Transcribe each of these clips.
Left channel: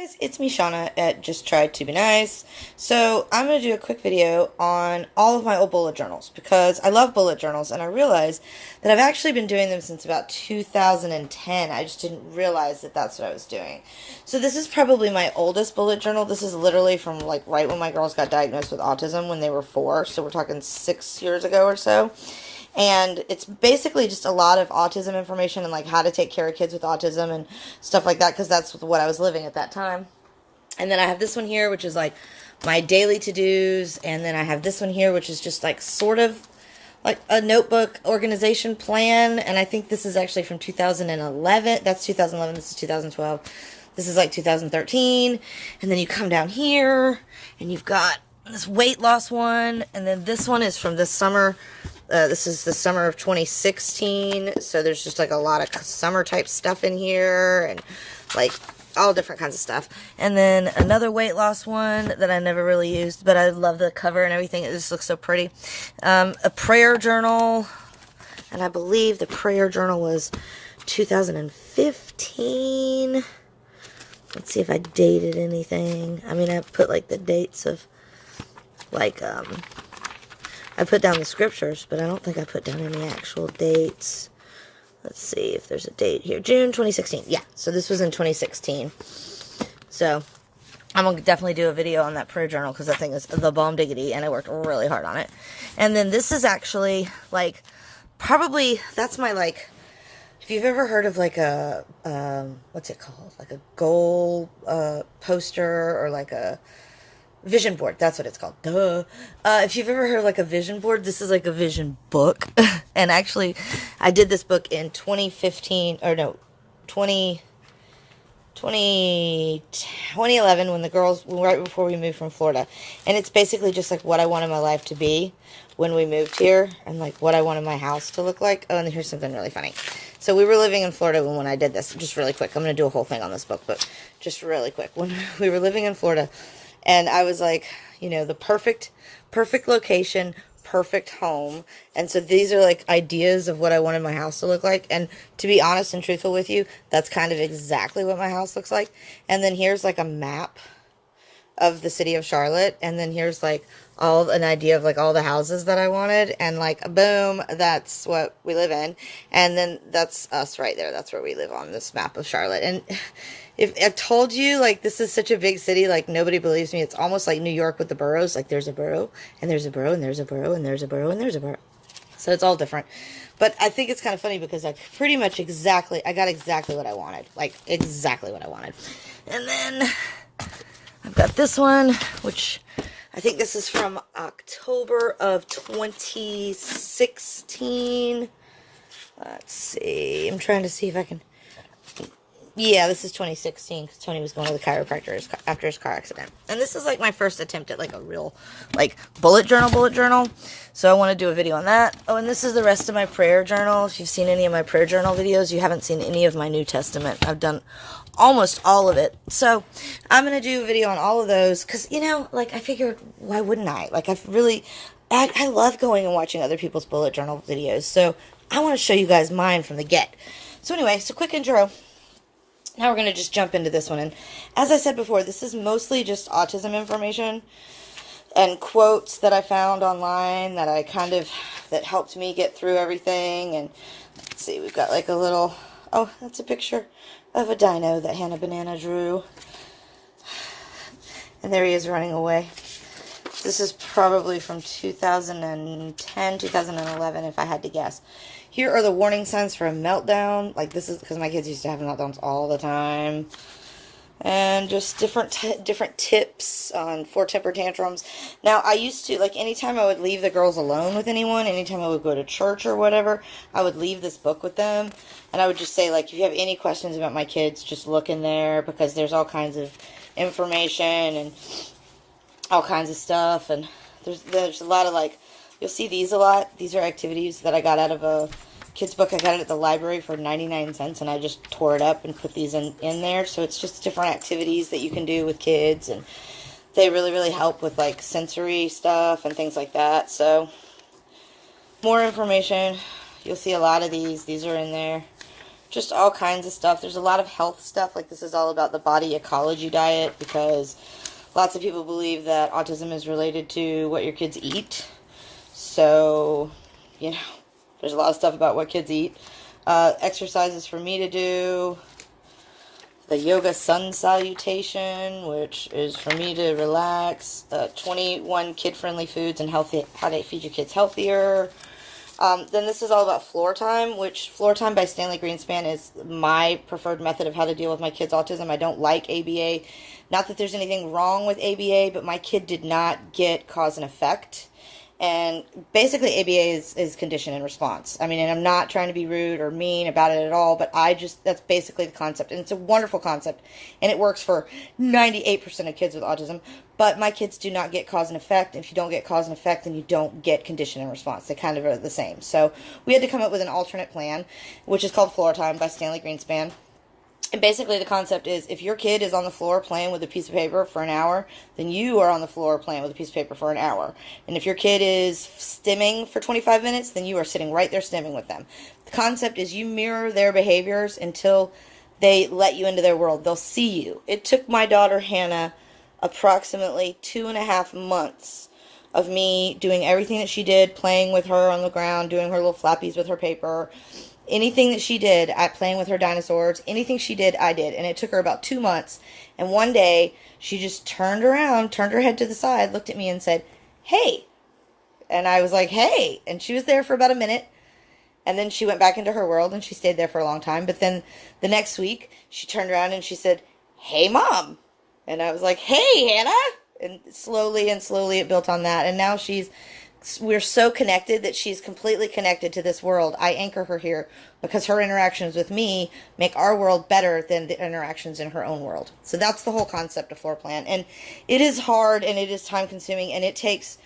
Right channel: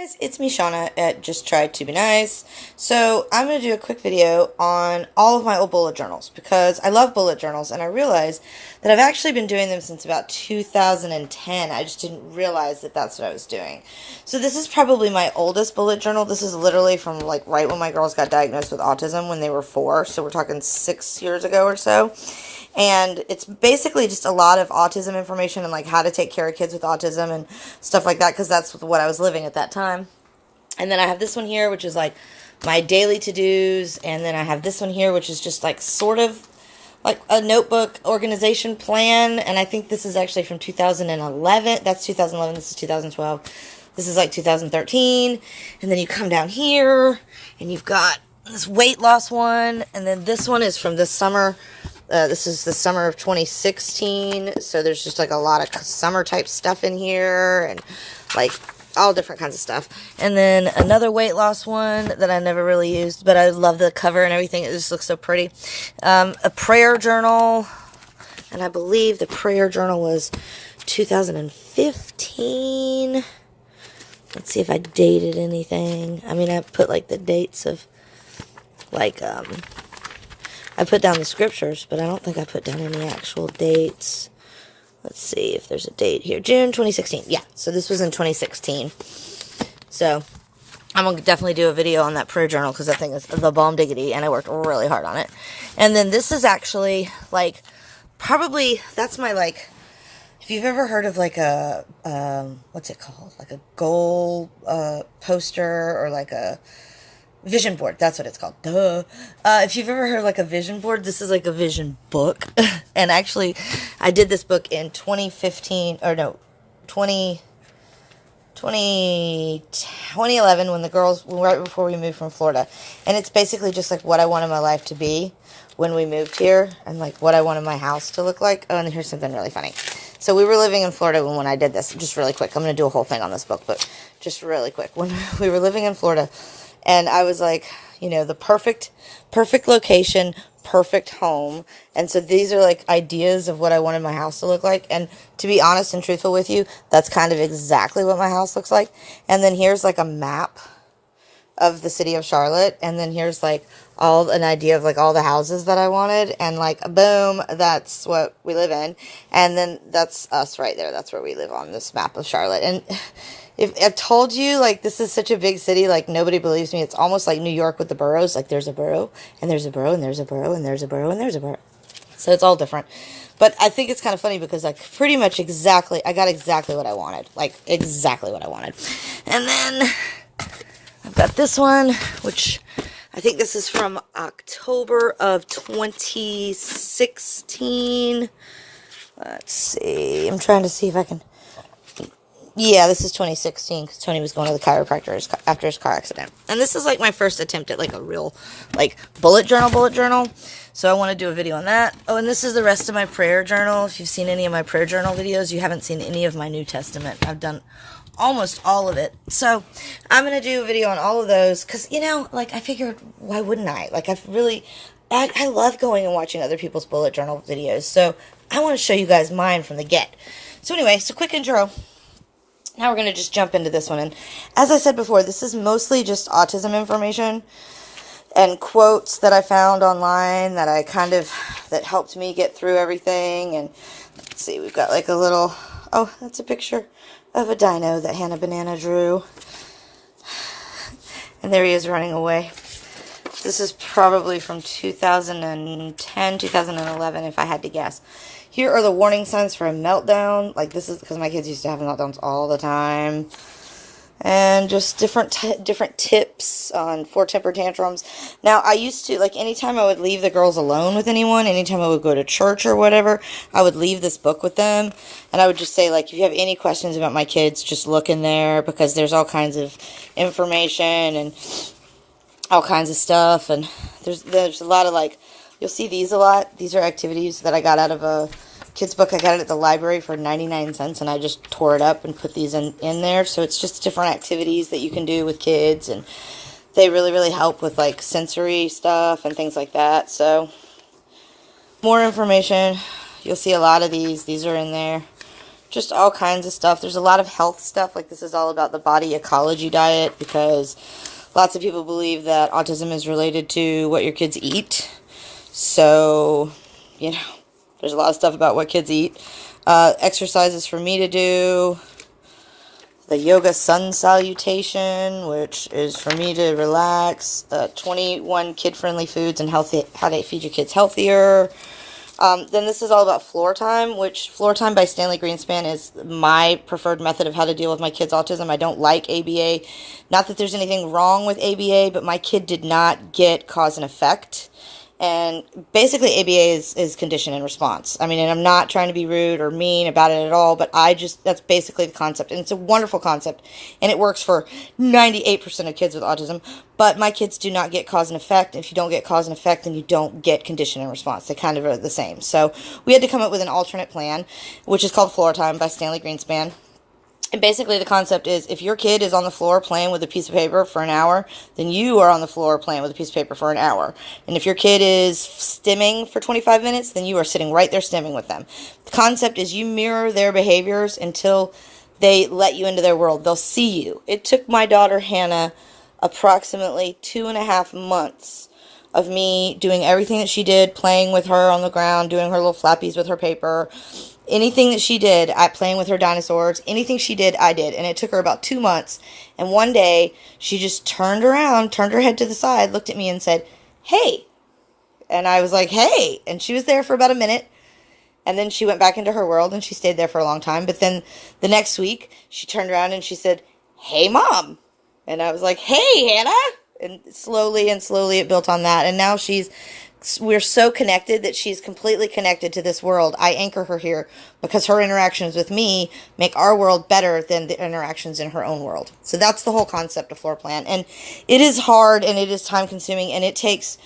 Guys, it's me, Shauna, at Just Try to Be Nice. So I'm going to do a quick video on all of my old bullet journals because I love bullet journals, and I realized that I've actually been doing them since about 2010. I just didn't realize that that's what I was doing. So this is probably my oldest bullet journal. This is literally from like right when my girls got diagnosed with autism when they were 4. So we're talking 6 years ago or so. And it's basically just a lot of autism information and like how to take care of kids with autism and stuff like that, because that's what I was living at that time. And then I have this one here, which is like my daily to-dos. And then I have this one here, which is just like sort of like a notebook organization plan. And I think this is actually from 2011. That's 2011. This is 2012. This is like 2013. And then you come down here and you've got this weight loss one. And then this one is from this summer. This is the summer of 2016, so there's just like a lot of summer type stuff in here, and like all different kinds of stuff. And then another weight loss one that I never really used, but I love the cover and everything. It just looks so pretty. A prayer journal, and I believe the prayer journal was 2015. Let's see if I dated anything. I mean, I put like the dates of like, I put down the scriptures, but I don't think I put down any actual dates. Let's see if there's a date here. June 2016. Yeah, so this was in 2016. So I'm going to definitely do a video on that prayer journal because that thing is the bomb diggity, and I worked really hard on it. And then this is actually, like, probably, that's my, like, if you've ever heard of, like, a, what's it called? Like a goal poster or, like, a vision board. That's what it's called. Duh. If you've ever heard of like a vision board, this is like a vision book. And actually, I did this book in 2015, or no, 2011 when the girls, right before we moved from Florida. And it's basically just like what I wanted my life to be when we moved here and like what I wanted my house to look like. Oh, and here's something really funny. So we were living in Florida when I did this. Just really quick. I'm going to do a whole thing on this book, but just really quick. When we were living in Florida, and I was like, you know, the perfect location, perfect home. And so these are like ideas of what I wanted my house to look like. And to be honest and truthful with you, that's kind of exactly what my house looks like. And then here's like a map of the city of Charlotte. And then here's like an idea of like all the houses that I wanted. And like, boom, that's what we live in. And then that's us right there. That's where we live on this map of Charlotte. And if I told you, like, this is such a big city, like, nobody believes me. It's almost like New York with the boroughs. Like, there's a borough, and there's a borough, and there's a borough, and there's a borough, and there's a borough. So it's all different. But I think it's kind of funny because, like, pretty much exactly, I got exactly what I wanted. Like, exactly what I wanted. And then I've got this one, which I think this is from October of 2016. Let's see. I'm trying to see if I can... Yeah, this is 2016 because Tony was going to the chiropractor after his car accident. And this is like my first attempt at like a real like bullet journal. So I want to do a video on that. Oh, and this is the rest of my prayer journal. If you've seen any of my prayer journal videos, you haven't seen any of my New Testament. I've done almost all of it. So I'm going to do a video on all of those because, you know, like I figured, why wouldn't I? Like I love going and watching other people's bullet journal videos. So I want to show you guys mine from the get. So anyway, so quick intro. Now we're going to just jump into this one. And as I said before, this is mostly just autism information and quotes that I found online that that helped me get through everything. And let's see, we've got like a little, oh, that's a picture of a dino that Hannah Banana drew. And there he is running away. This is probably from 2010, 2011, if I had to guess. Here are the warning signs for a meltdown. Like, this is because my kids used to have meltdowns all the time. And just different tips for temper tantrums. Now, I used to, like, anytime I would leave the girls alone with anyone, anytime I would go to church or whatever, I would leave this book with them. And I would just say, like, if you have any questions about my kids, just look in there because there's all kinds of information and all kinds of stuff. And there's a lot of, like, you'll see these a lot. These are activities that I got out of a kid's book. I got it at the library for 99 cents, and I just tore it up and put these in there. So it's just different activities that you can do with kids, and they really, really help with, like, sensory stuff and things like that. So more information. You'll see a lot of these. These are in there. just all kinds of stuff. There's a lot of health stuff, like this is all about the body ecology diet, because lots of people believe that autism is related to what your kids eat. So, you know, there's a lot of stuff about what kids eat. Exercises for me to do. The yoga sun salutation, which is for me to relax. 21 kid-friendly foods and healthy, how to feed your kids healthier. Then this is all about Floor Time, which Floor Time by Stanley Greenspan is my preferred method of how to deal with my kids' autism. I don't like ABA. Not that there's anything wrong with ABA, but my kid did not get cause and effect. And basically ABA is condition and response. I mean, and I'm not trying to be rude or mean about it at all, but that's basically the concept. And it's a wonderful concept. And it works for 98% of kids with autism. But my kids do not get cause and effect. If you don't get cause and effect, then you don't get condition and response. They kind of are the same. So we had to come up with an alternate plan, which is called Floor Time by Stanley Greenspan. And basically the concept is, if your kid is on the floor playing with a piece of paper for an hour, then you are on the floor playing with a piece of paper for an hour. And if your kid is stimming for 25 minutes, then you are sitting right there stimming with them. The concept is you mirror their behaviors until they let you into their world. They'll see you. It took my daughter Hannah approximately 2.5 months of me doing everything that she did, playing with her on the ground, doing her little flappies with her paper. Anything that she did, playing with her dinosaurs, anything she did, I did. And it took her about 2 months. And one day, she just turned around, turned her head to the side, looked at me and said, "Hey." And I was like, "Hey." And she was there for about a minute. And then she went back into her world and she stayed there for a long time. But then the next week, she turned around and she said, "Hey, Mom." And I was like, "Hey, Hannah." And slowly it built on that. And now we're so connected that she's completely connected to this world. I anchor her here because her interactions with me make our world better than the interactions in her own world. So that's the whole concept of Floor Plan. And it is hard and it is time consuming, and it takes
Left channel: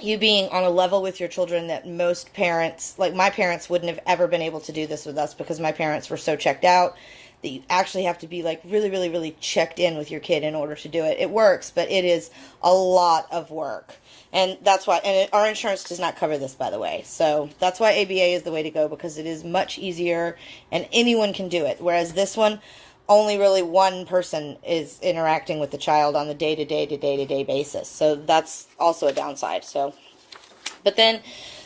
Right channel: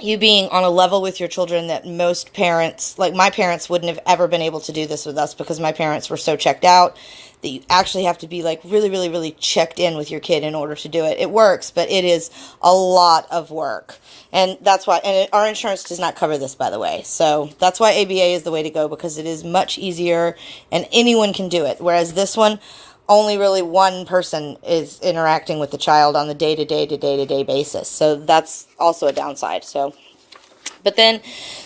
you being on a level with your children that most parents, like my parents, wouldn't have ever been able to do this with us, because my parents were so checked out that you actually have to be like really, really, really checked in with your kid in order to do it. It works, but it is a lot of work. And that's why, and our insurance does not cover this, by the way. So that's why ABA is the way to go, because it is much easier and anyone can do it. Whereas this one, only really one person is interacting with the child on the day-to-day basis. So that's also a downside. But then,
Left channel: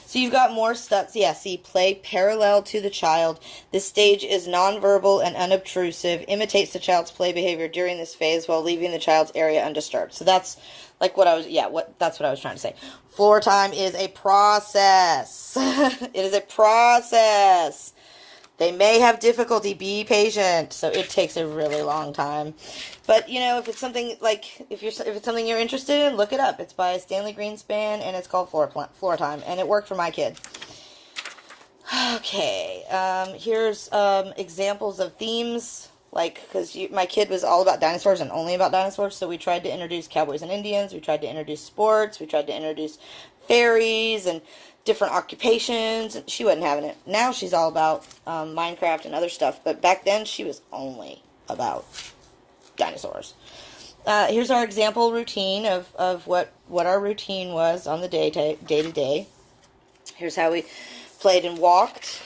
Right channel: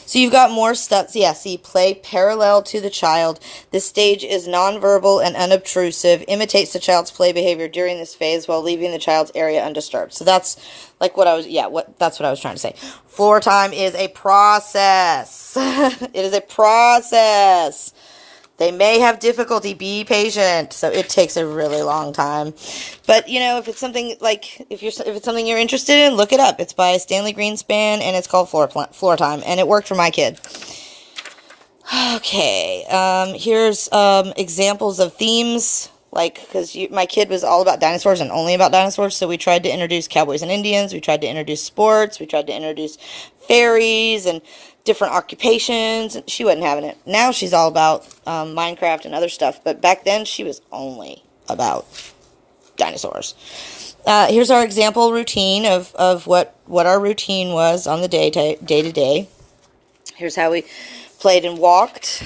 so you've got more steps. Yeah, see, play parallel to the child. This stage is nonverbal and unobtrusive, imitates the child's play behavior during this phase while leaving the child's area undisturbed. So that's like that's what I was trying to say. Floor Time is a process. It is a process. They may have difficulty. Be patient. So it takes a really long time. But, you know, if it's something like, if it's something you're interested in, look it up. It's by Stanley Greenspan, and it's called Floor Time, and it worked for my kid. Okay, here's examples of themes, like, because my kid was all about dinosaurs and only about dinosaurs, so we tried to introduce cowboys and Indians, we tried to introduce sports, we tried to introduce fairies, and different occupations. She wasn't having it. Now she's all about Minecraft and other stuff, but back then she was only about dinosaurs. Here's our example routine of what our routine was on the day to day. Here's how we played and walked,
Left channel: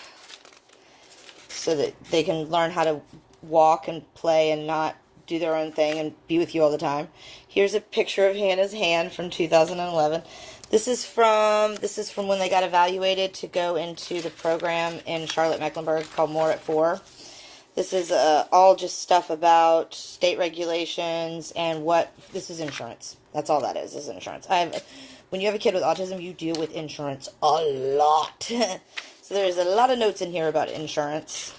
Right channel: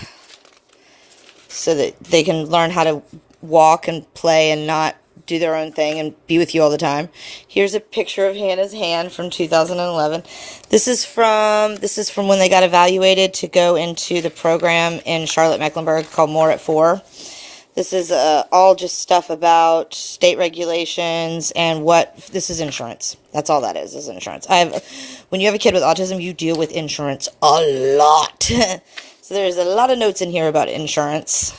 so that they can learn how to walk and play and not do their own thing and be with you all the time. Here's a picture of Hannah's hand from 2011. This is from when they got evaluated to go into the program in Charlotte-Mecklenburg called More at 4. This is all just stuff about state regulations and this is insurance. That's all that is insurance. When you have a kid with autism, you deal with insurance a lot. So there's a lot of notes in here about insurance.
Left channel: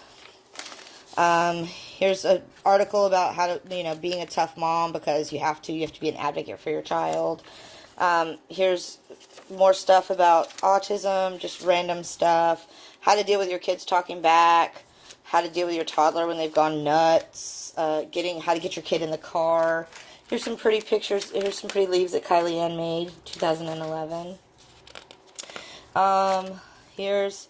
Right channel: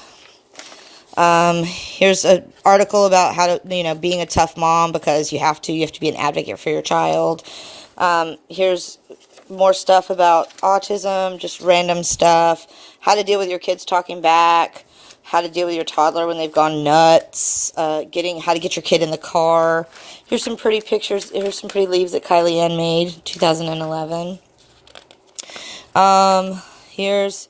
Here's an article about how to, being a tough mom, because you have to be an advocate for your child. Here's more stuff about autism, just random stuff, how to deal with your kids talking back, how to deal with your toddler when they've gone nuts, how to get your kid in the car. Here's some pretty pictures. Here's some pretty leaves that Kylie Ann made, 2011. Here's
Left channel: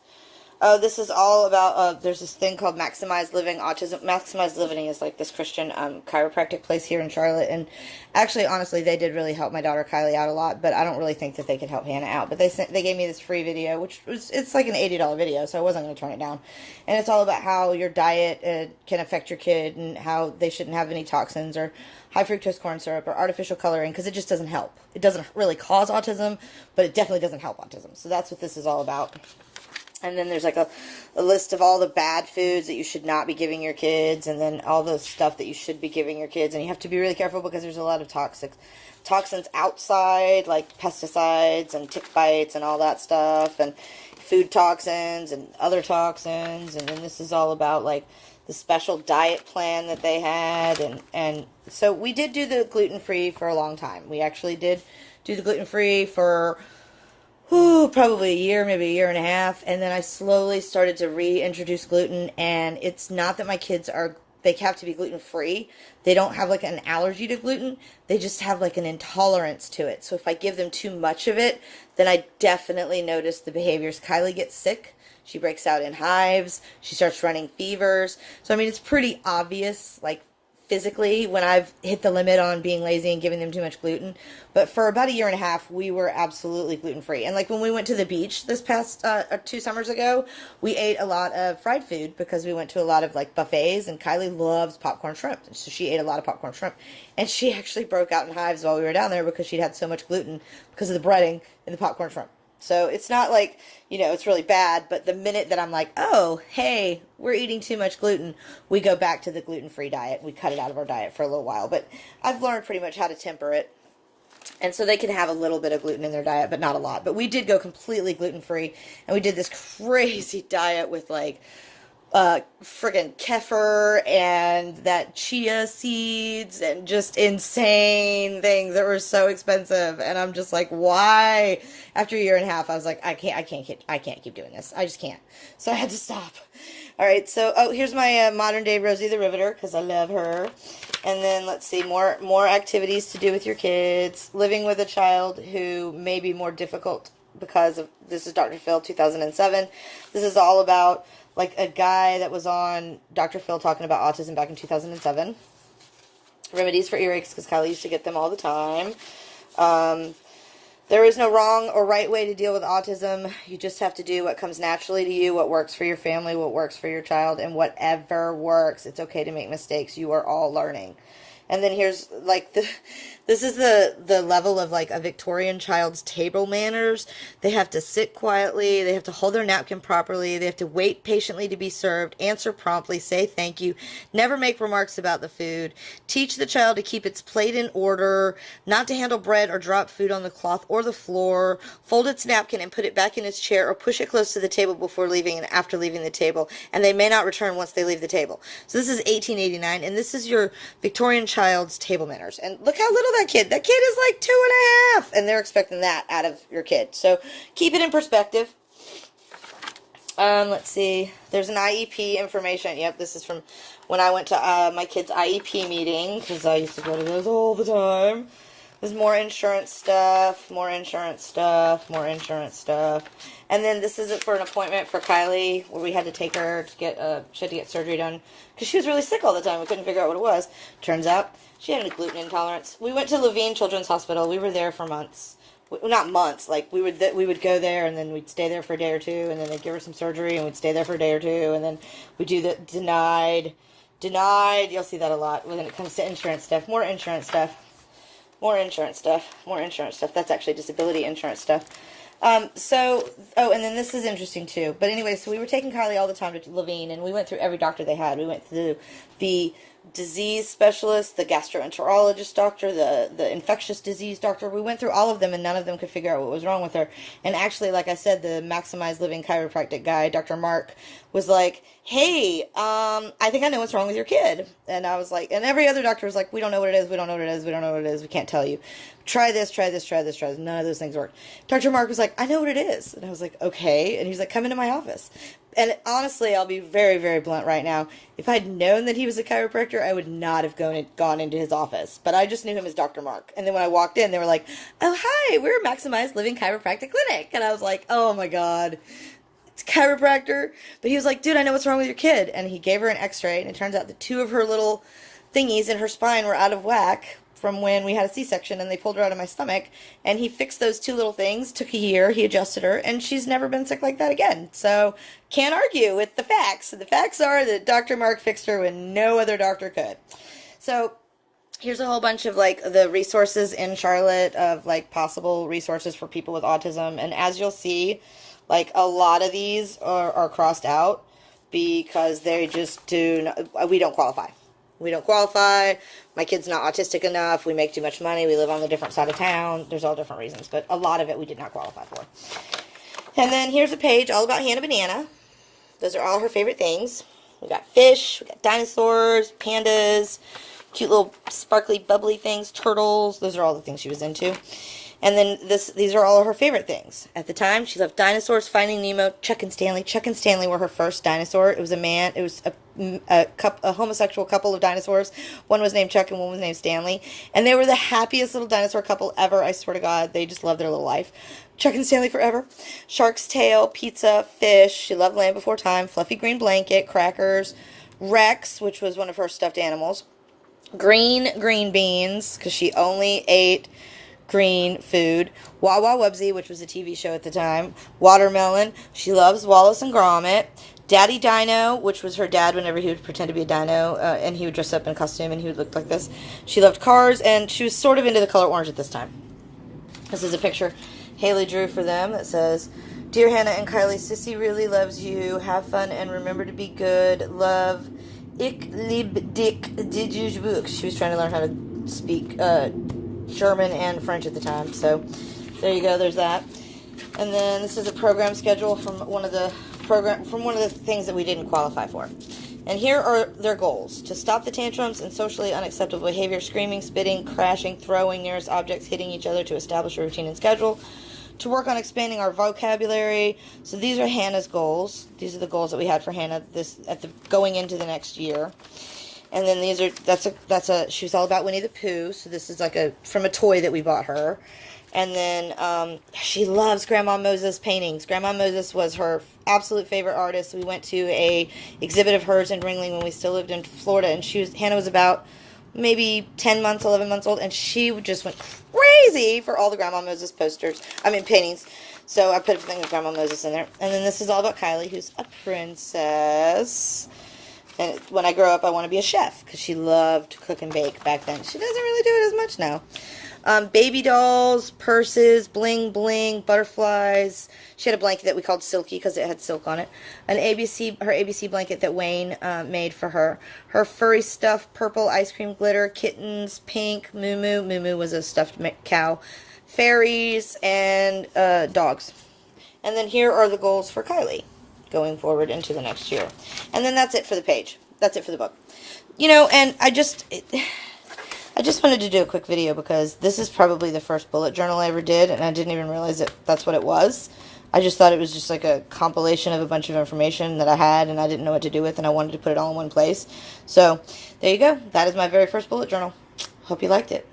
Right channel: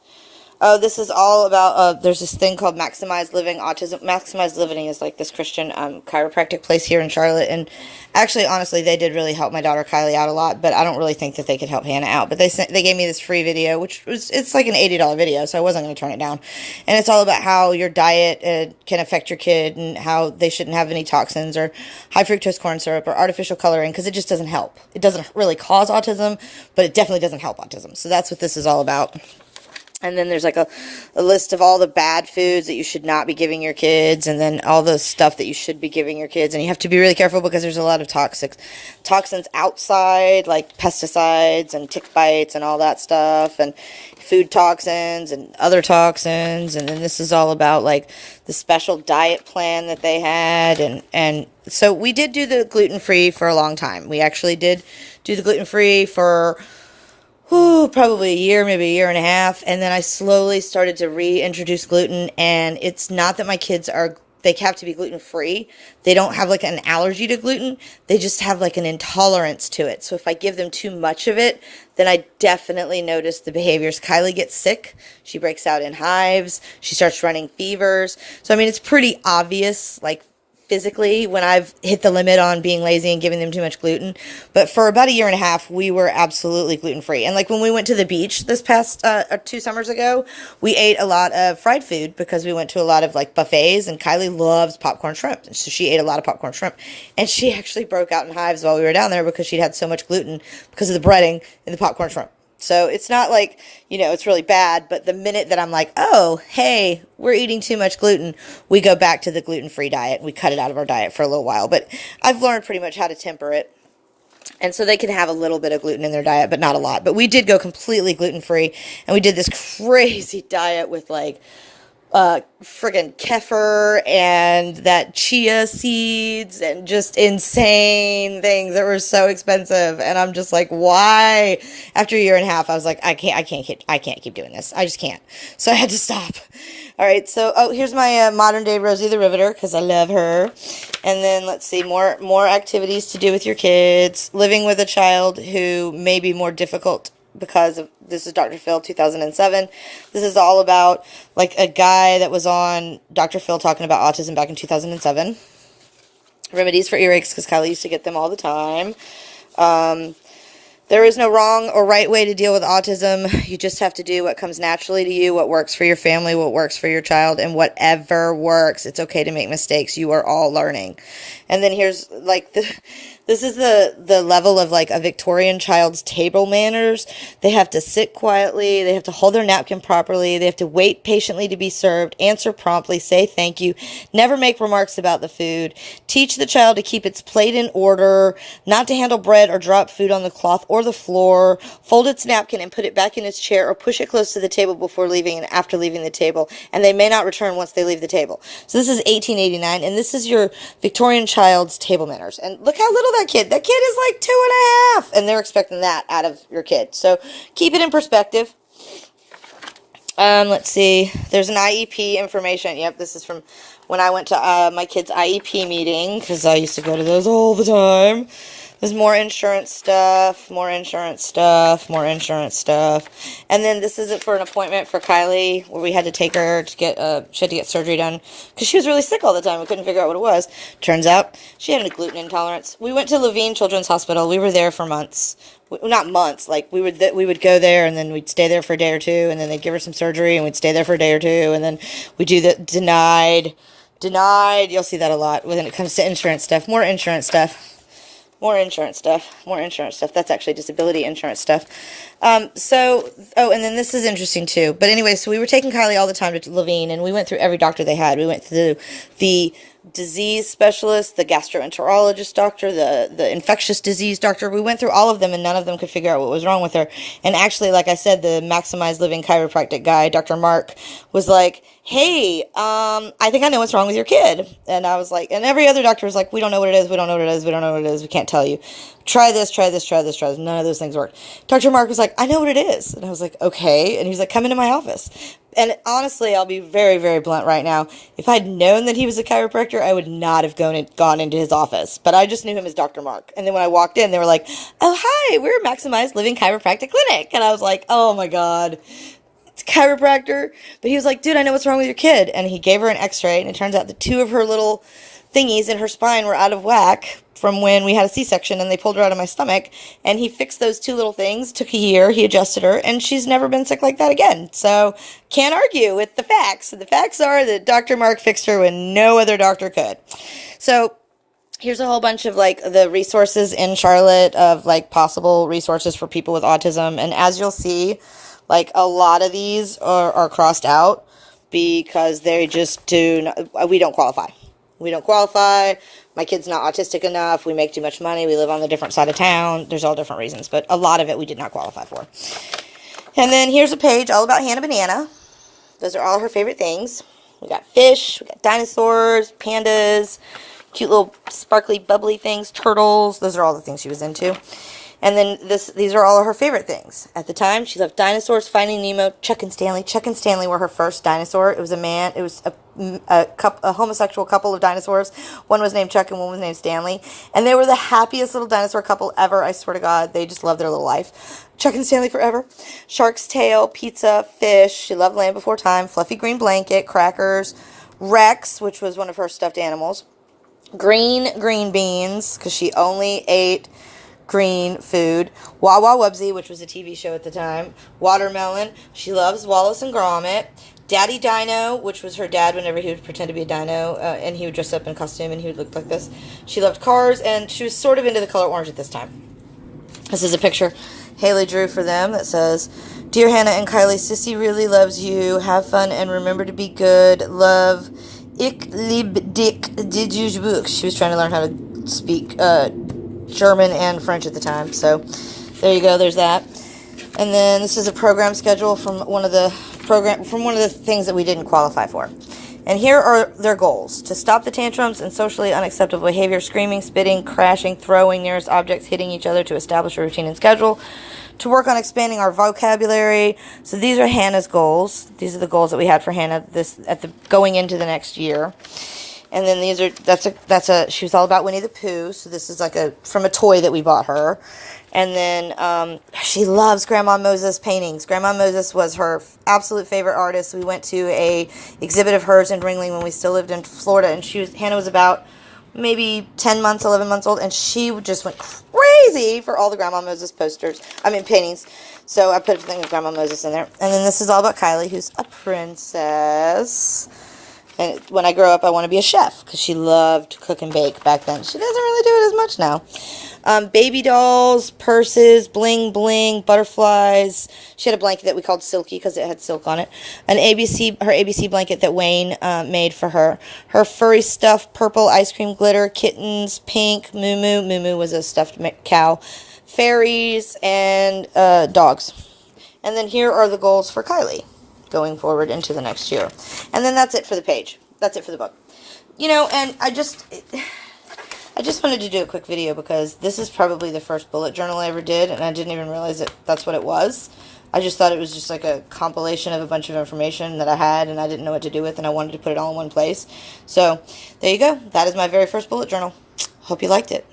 Oh, this is all about, there's this thing called Maximize Living Autism. Maximize Living is like this Christian chiropractic place here in Charlotte. And actually, honestly, they did really help my daughter Kylie out a lot, but I don't really think that they could help Hannah out. But they gave me this free video, it's like an $80 video, so I wasn't going to turn it down. And it's all about how your diet can affect your kid and how they shouldn't have any toxins or high fructose corn syrup or artificial coloring, because it just doesn't help. It doesn't really cause autism, but it definitely doesn't help autism. So that's what this is all about. And then there's like a list of all the bad foods that you should not be giving your kids, and then all the stuff that you should be giving your kids. And you have to be really careful because there's a lot of toxins outside, like pesticides and tick bites and all that stuff, and food toxins and other toxins. And then this is all about like the special diet plan that they had. And so we did do the gluten-free for a long time. We actually did do the gluten-free for probably a year, maybe a year and a half. And then I slowly started to reintroduce gluten. And it's not that my kids they have to be gluten-free. They don't have like an allergy to gluten. They just have like an intolerance to it. So if I give them too much of it, then I definitely notice the behaviors. Kylie gets sick. She breaks out in hives. She starts running fevers. So, I mean, it's pretty obvious, like, physically when I've hit the limit on being lazy and giving them too much gluten. But for about a year and a half, we were absolutely gluten-free. And like when we went to the beach this past 2 summers ago, we ate a lot of fried food because we went to a lot of like buffets, and Kylie loves popcorn shrimp. And so she ate a lot of popcorn shrimp, and she actually broke out in hives while we were down there because she'd had so much gluten because of the breading in the popcorn shrimp. So it's not like, it's really bad, but the minute that I'm like, oh, hey, we're eating too much gluten, we go back to the gluten-free diet. We cut it out of our diet for a little while, but I've learned pretty much how to temper it. And so they can have a little bit of gluten in their diet, but not a lot. But we did go completely gluten-free, and we did this crazy diet with like friggin' kefir and that chia seeds and just insane things that were so expensive. And I'm just like, why? After a year and a half, I was like, I can't keep doing this. I just can't. So I had to stop. All right. So, here's my modern day Rosie the Riveter, because I love her. And then let's see, more activities to do with your kids. Living with a child who may be more difficult because of, this is Dr. Phil 2007. This is all about like a guy that was on Dr. Phil talking about autism back in 2007. Remedies for earaches, because Kylie used to get them all the time. There is no wrong or right way to deal with autism. You just have to do what comes naturally to you, what works for your family, what works for your child, and whatever works. It's okay to make mistakes. You are all learning. And then here's like this is the level of like a Victorian child's table manners. They have to sit quietly. They have to hold their napkin properly. They have to wait patiently to be served, answer promptly, say thank you, never make remarks about the food, teach the child to keep its plate in order, not to handle bread or drop food on the cloth or the floor, fold its napkin and put it back in its chair, or push it close to the table before leaving and after leaving the table, and they may not return once they leave the table. So this is 1889, and this is your Victorian child's table manners. And look how little that kid is like 2.5, and they're expecting that out of your kid. So keep it in perspective. Let's see. There's an IEP information. Yep, this is from when I went to my kid's IEP meeting, because I used to go to those all the time. There's more insurance stuff, more insurance stuff, more insurance stuff. And then this is it for an appointment for Kylie, where we had to take her to get, she had to get surgery done, because she was really sick all the time. We couldn't figure out what it was. Turns out she had a gluten intolerance. We went to Levine Children's Hospital. We were there for months. Not months, like we would go there, and then we'd stay there for a day or two, and then they'd give her some surgery, and we'd stay there for a day or two, and then we do the denied. You'll see that a lot when it comes to insurance stuff. More insurance stuff. More insurance stuff. That's actually disability insurance stuff. And then this is interesting too. But anyway, so we were taking Kylie all the time to Levine, and we went through every doctor they had. We went through the disease specialist, the gastroenterologist doctor, the infectious disease doctor. We went through all of them, and none of them could figure out what was wrong with her. And actually, like I said, the Maximize Living chiropractic guy, Dr. Mark, was like, hey, I think I know what's wrong with your kid. And I was like, and every other doctor was like, we don't know what it is, we don't know what it is, we don't know what it is, we can't tell you. Try this. None of those things worked. Dr. Mark was like, I know what it is. And I was like, okay. And he was like, come into my office. And honestly, I'll be very, very blunt right now. If I'd known that he was a chiropractor, I would not have gone into his office. But I just knew him as Dr. Mark. And then when I walked in, they were like, oh, hi, we're Maximize Living Chiropractic Clinic. And I was like, oh my God. chiropractor. But he was like, dude, I know what's wrong with your kid. And he gave her an x-ray, and it turns out the two of her little thingies in her spine were out of whack from when we had a C-section and they pulled her out of my stomach. And he fixed those two little things. Took a year. He adjusted her, and she's never been sick like that again. So can't argue with the facts. The facts are that Dr. Mark fixed her when no other doctor could. So here's a whole bunch of, like, the resources in Charlotte of, like, possible resources for people with autism. And as you'll see, like, a lot of these are crossed out because they just we don't qualify. We don't qualify. My kid's not autistic enough. We make too much money. We live on the different side of town. There's all different reasons, but a lot of it we did not qualify for. And then here's a page all about Hannah Banana. Those are all her favorite things. We got fish, we got dinosaurs, pandas, cute little sparkly bubbly things, turtles. Those are all the things she was into. And then these are all of her favorite things. At the time, she loved dinosaurs, Finding Nemo, Chuck and Stanley. Chuck and Stanley were her first dinosaur. It was a man. It was a homosexual couple of dinosaurs. One was named Chuck and one was named Stanley. And they were the happiest little dinosaur couple ever. I swear to God, they just loved their little life. Chuck and Stanley forever. Shark's tail, pizza, fish. She loved Land Before Time, Fluffy Green Blanket, crackers, Rex, which was one of her stuffed animals. Green beans, because she only ate green food. Wawa Wubsy, which was a TV show at the time. Watermelon. She loves Wallace and Gromit. Daddy Dino, which was her dad whenever he would pretend to be a dino, and he would dress up in costume and he would look like this. She loved cars, and she was sort of into the color orange at this time. This is a picture Haley drew for them that says, Dear Hannah and Kylie, Sissy really loves you. Have fun and remember to be good. Love. Ich lieb dich, did you book. She was trying to learn how to speak German and French at the time. So there you go. There's that. And then this is a program schedule from one of the things that we didn't qualify for. And here are their goals: to stop the tantrums and socially unacceptable behavior, screaming, spitting, crashing, throwing nearest objects, hitting each other, to establish a routine and schedule, to work on expanding our vocabulary. So these are Hannah's goals. These are the goals that we had for Hannah going into the next year. And then these are she was all about Winnie the Pooh. So this is like from a toy that we bought her. And then she loves Grandma Moses paintings. Grandma Moses was her absolute favorite artist. We went to a exhibit of hers in Ringling when we still lived in Florida, and Hannah was about maybe 10 months, 11 months old, and she just went crazy for all the Grandma Moses paintings. So I put a thing of Grandma Moses in there. And then this is all about Kylie, who's a princess. And when I grow up, I want to be a chef, because she loved to cook and bake back then. She doesn't really do it as much now. Baby dolls, purses, bling bling, butterflies. She had a blanket that we called Silky because it had silk on it. Her ABC blanket that Wayne made for her. Her furry stuff, purple ice cream glitter, kittens, pink, Moo Moo. Moo Moo was a stuffed cow. Fairies, and dogs. And then here are the goals for Kylie going forward into the next year. And then that's it for the page. That's it for the book. And I just wanted to do a quick video because this is probably the first bullet journal I ever did, and I didn't even realize that that's what it was. I just thought it was just like a compilation of a bunch of information that I had and I didn't know what to do with, and I wanted to put it all in one place. So there you go. That is my very first bullet journal. Hope you liked it.